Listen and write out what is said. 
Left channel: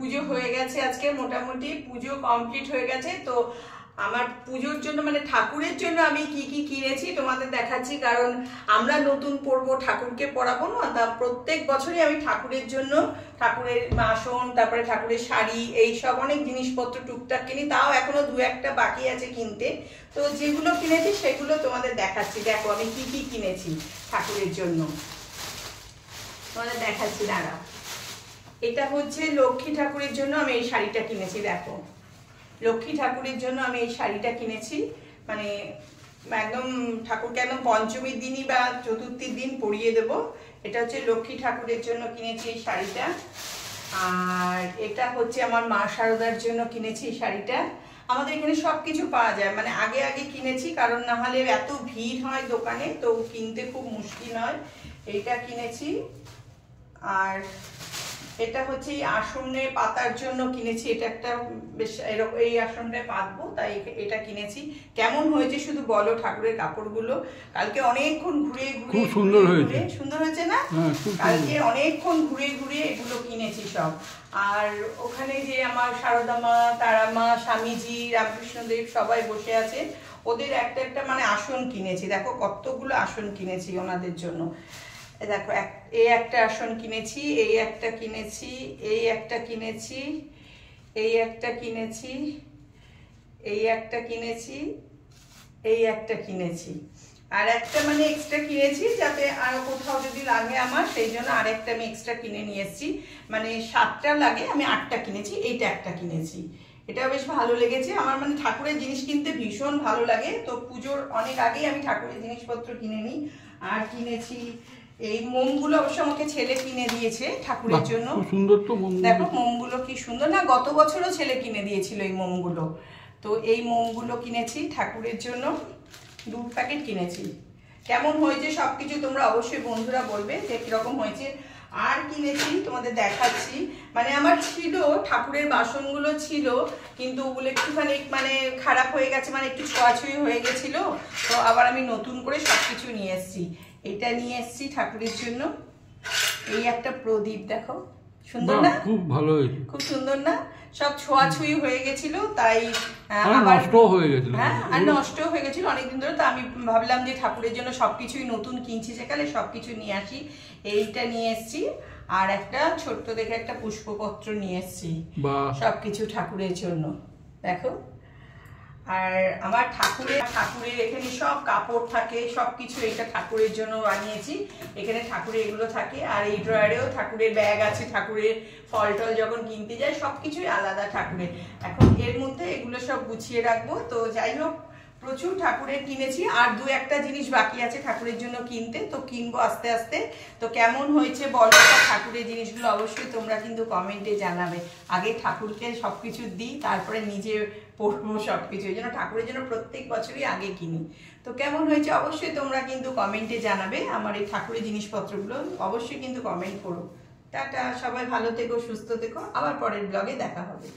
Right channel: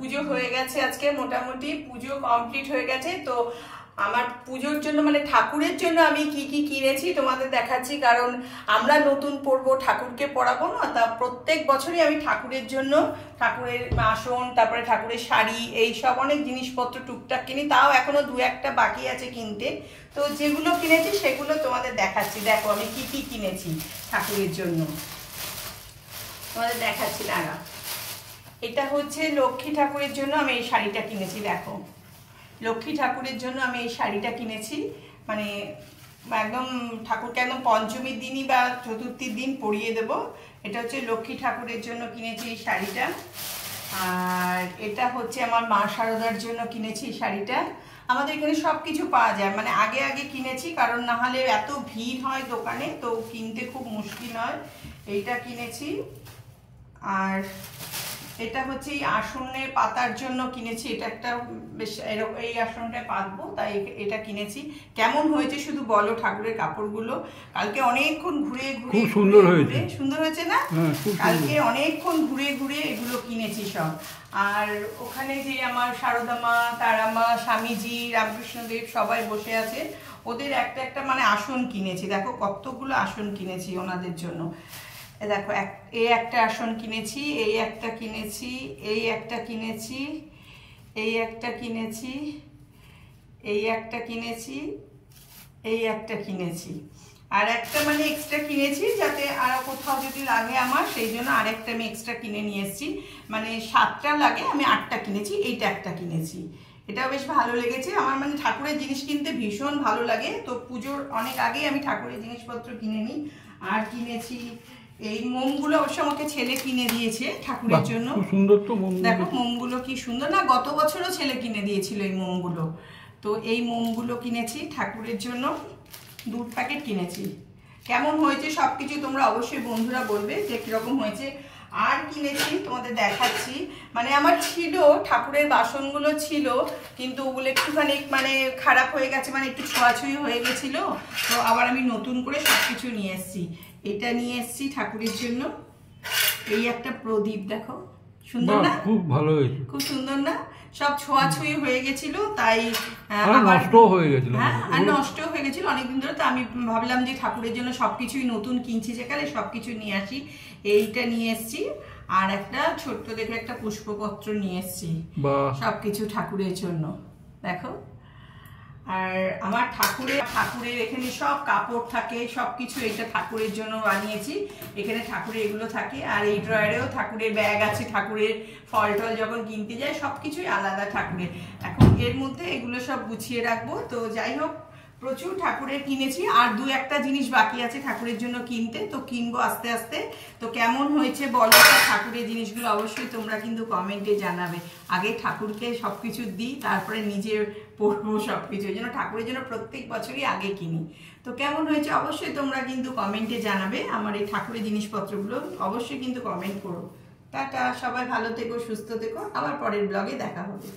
পুজো হয়ে গেছে, আজকে মোটামুটি পুজো কমপ্লিট হয়ে গেছে। তো আমার পুজোর জন্য মানে ঠাকুরের জন্য আমি কি কি কিনেছি তোমাদের দেখাচ্ছি, কারণ আমরা নতুন পরবো, ঠাকুরকে পরাবো না, তা প্রত্যেক বছরই আমি ঠাকুরের জন্য ঠাকুরের আসন, তারপরে ঠাকুরের শাড়ি, এই সব অনেক জিনিসপত্র টুকটাক কিনি, তাও এখনো দু একটা বাকি আছে কিনতে। তো যেগুলো কিনেছি সেগুলো তোমাদের দেখাচ্ছি। দেখো আমি কি কি কিনেছি ঠাকুরের জন্য, তোমাদের দেখাচ্ছি দাঁড়া। এটা হচ্ছে লক্ষ্মী ঠাকুরের জন্য আমি এই শাড়িটা কিনেছি। দেখো লক্ষ্মী ঠাকুরের জন্য আমি এই শাড়িটা কিনেছি, মানে একদম ঠাকুরকে একদম পঞ্চমীর দিনই বা চতুর্থীর দিন পরিয়ে দেবো। এটা হচ্ছে লক্ষ্মী ঠাকুরের জন্য কিনেছি এই শাড়িটা। আর এটা হচ্ছে আমার মা শারদার জন্য কিনেছি এই শাড়িটা। আমাদের এখানে সব কিছু পাওয়া যায়, মানে আগে আগে কিনেছি, কারণ না হলে এত ভিড় হয় দোকানে, তো কিনতে খুব মুশকিল হয়। এইটা কিনেছি। আর এটা হচ্ছে এই আসনে পাতার জন্য কিনেছি, এটা একটা বেশ এই আসনটায় পাতবো, তাই এটা কিনেছি। কেমন হয়েছে শুধু বলো ঠাকুরের কাপড়গুলো। কালকে অনেকক্ষণ ঘুরে ঘুরে, খুব সুন্দর হয়েছে, সুন্দর হয়েছে না? কালকে অনেকক্ষণ ঘুরে ঘুরে এগুলো কিনেছি সব। আর ওখানে যে আমার সারদা মা, তারা মা, স্বামীজি, রামকৃষ্ণদেব সবাই বসে আছে, ওদের একটা একটা মানে আসন কিনেছি। দেখো কতগুলো আসন কিনেছি ওনাদের জন্য। দেখো এই একটা আসন কিনেছি, এই একটা কিনেছি, এই একটা কিনেছি, এই একটা কিনেছি, এই একটা কিনেছি, এই একটা কিনেছি, আর একটা মানে এক্সট্রা কিনেছি যাতে আর কোথাও যদি লাগে আমার, সেই জন্য আরেকটা আমি এক্সট্রা কিনে নিয়ে এসেছি। মানে 7টা লাগে, আমি 8টা কিনেছি, এইটা একটা কিনেছি। এটা বেশ ভালো লেগেছে আমার, মানে ঠাকুরের জিনিস কিনতে ভীষণ ভালো লাগে। তো পুজোর অনেক আগেই আমি ঠাকুরের জিনিসপত্র কিনে নিই। আর কিনেছি এই মোমগুলো, অবশ্য আমাকে ছেলে কিনে দিয়েছে ঠাকুরের জন্য। সুন্দর তো মোম, দেখো মোমগুলো কি সুন্দর না? গত বছরও ছেলে কিনে দিয়েছিল এই মোমগুলো। তো এই মোমগুলো কিনেছি ঠাকুরের জন্য, 2 প্যাকেট কিনেছি। কেমন হয়েছে সবকিছু তোমরা অবশ্যই বন্ধুরা বলবে যে কিরকম হয়েছে। আর কিনেছি তোমাদের দেখাচ্ছি, মানে আমার ছিল ঠাকুরের বাসনগুলো ছিল, কিন্তু ওগুলো একটুখানি মানে খারাপ হয়ে গেছে, মানে একটু ছোঁয়াছুঁয়ি হয়ে গেছিল। তো আবার আমি নতুন করে সবকিছু নিয়ে এসেছি। এটা নিয়ে এসেছি ঠাকুরের জন্য। এই একটা প্রদীপ, দেখো সুন্দর না? খুব ভালো হয়েছে, খুব সুন্দর না? সব ছোঁয়াছুঁয়ি হয়ে গেছিল, তাই নষ্ট হয়ে গেছিল। হ্যাঁ, আর নষ্ট হয়ে গেছিল অনেকদিন ধরে। তো আমি ভাবলাম যে ঠাকুরের জন্য সবকিছুই নতুন কিনছি যেখানে, সবকিছু নিয়ে আসি। এইটা নিয়ে এসেছি, আর একটা ছোট্ট দেখে একটা পুষ্পপত্র নিয়ে এসেছি, সবকিছু ঠাকুরের জন্য। দেখো, আর আমার ঠাকুরের এখানে সব কাপড় থাকে, সবকিছু এটা ঠাকুরের জন্য বানিয়েছি। এখানে ঠাকুরের এগুলো থাকে, আর এই ড্রয়ারেও ঠাকুরের ব্যাগ আছে, ঠাকুরের ফল টল যখন কিনতে যাই সবকিছুই আলাদা ঠাকুরের। এখন এর মধ্যে এগুলো সব গুছিয়ে রাখবো। তো যাই হোক, প্রচুর ঠাকুরের কিনেছি, আর 2-1টা জিনিস বাকি আছে ঠাকুরের জন্য কিনতে, তো কিনবো আস্তে আস্তে। তো কেমন হয়েছে বলো ঠাকুরের জিনিসগুলো, অবশ্যই তোমরা কিন্তু কমেন্টে জানাবে। আগে ঠাকুরকে সবকিছু দিই, তারপরে নিজে পড়বো সবকিছু। এই জন্য ঠাকুরের জন্য প্রত্যেক বছরই আগে কিনি। তো কেমন হয়েছে অবশ্যই তোমরা কিন্তু কমেন্টে জানাবে। আমার এই ঠাকুরের জিনিসপত্রগুলো অবশ্যই কিন্তু কমেন্ট করো। টাটা, সবাই ভালো থেকো, সুস্থ থেকো, আবার পরের ব্লগে দেখা হবে।